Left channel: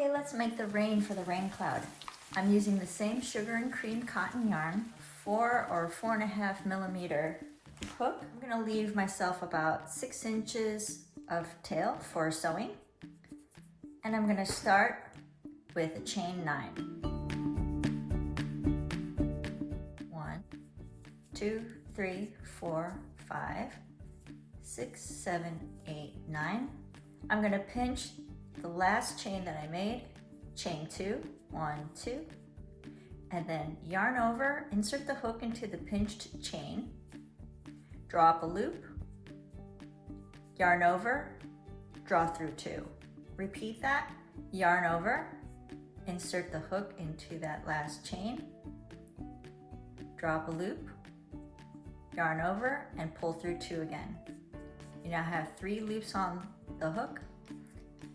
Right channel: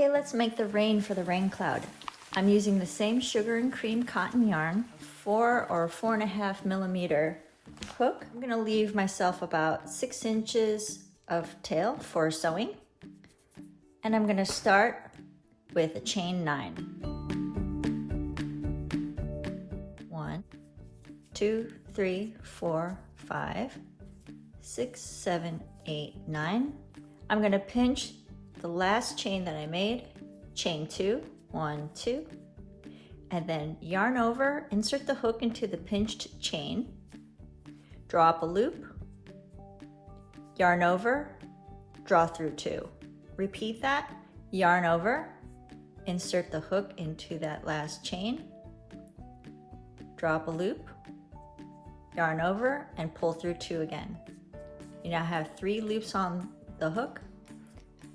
Okay, let's make the rain for the rain cloud. I'm using the same sugar and cream cotton yarn, 4 or 4.5 millimeter hook. I'm gonna leave myself about 6 inches of tail for sewing. And I'm gonna start with a chain 9. 1, 2, 3, 4, 5, 6, 7, 8, 9. I'm gonna pinch the last chain that I made, chain 2, 1, 2, and then yarn over, insert the hook into the pinched chain, draw up a loop, yarn over, draw through 2. Repeat that, yarn over, insert the hook into that last chain, draw up a loop, yarn over, and pull through 2 again. You now have 3 loops on the hook,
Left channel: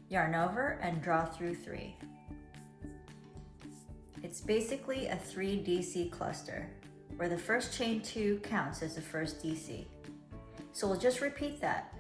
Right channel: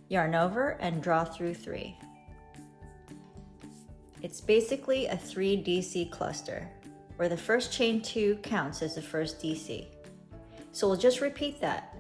yarn over, and draw through 3. It's basically a 3 DC cluster, where the first chain 2 counts as the first DC. So we'll just repeat that.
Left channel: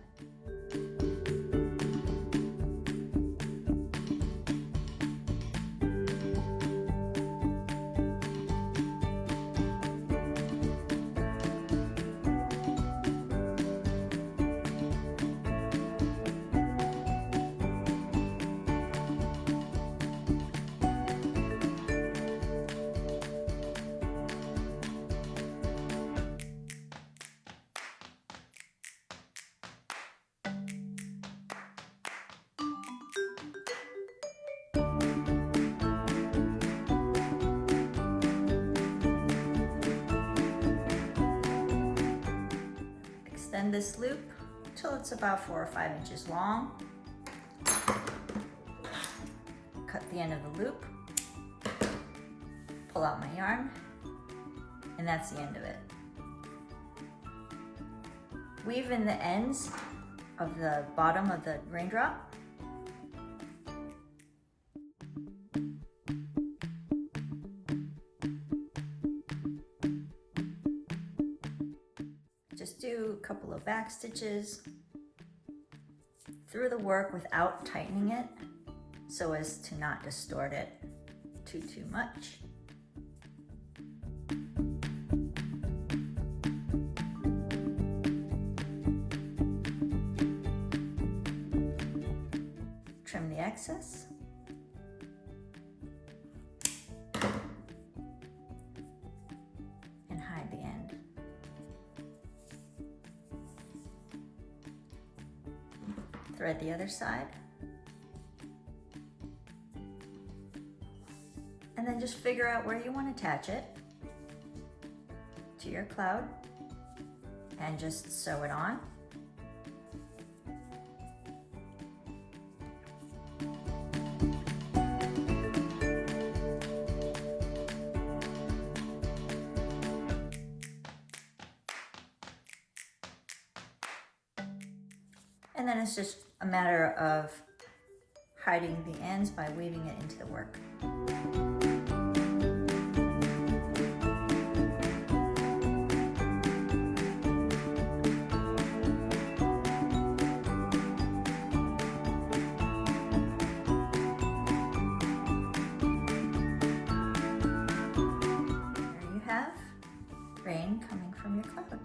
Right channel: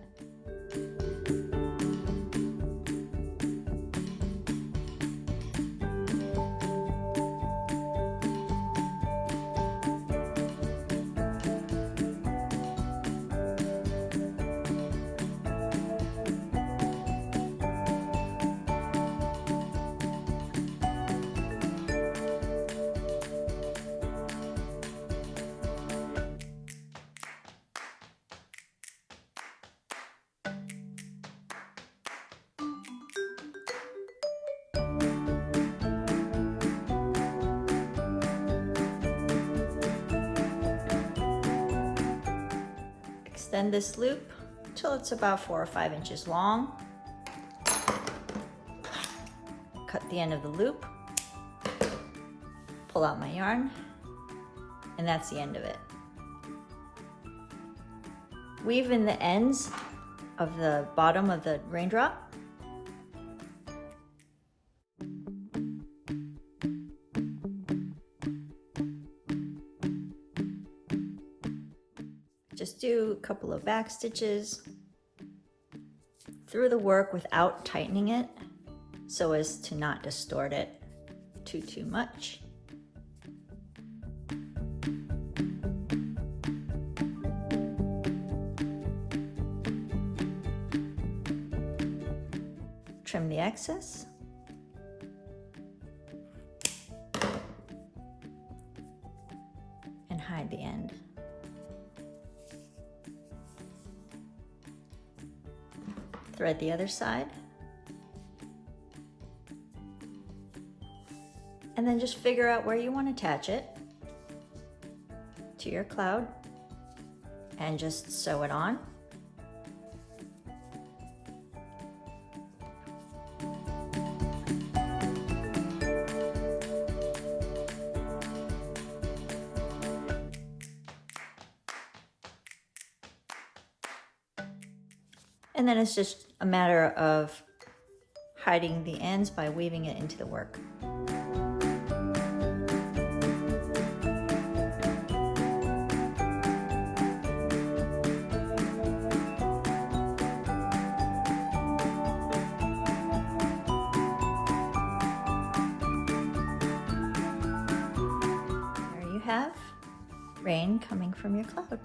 Extend this loop till it's about 4 or 5 inches long. Cut the end of the loop, pull out my yarn, and that's the end of it. Weave in the ends of the bottom of the raindrop. Just do a couple of back stitches through the work without tightening it so as to not distort it too much. Trim the excess. And hide the end. Thread the other side. And then just figure out where you want to attach it to your cloud and just sew it on. And then it's just a matter of hiding the ends by weaving it into the work. There you have rain coming from your cloud.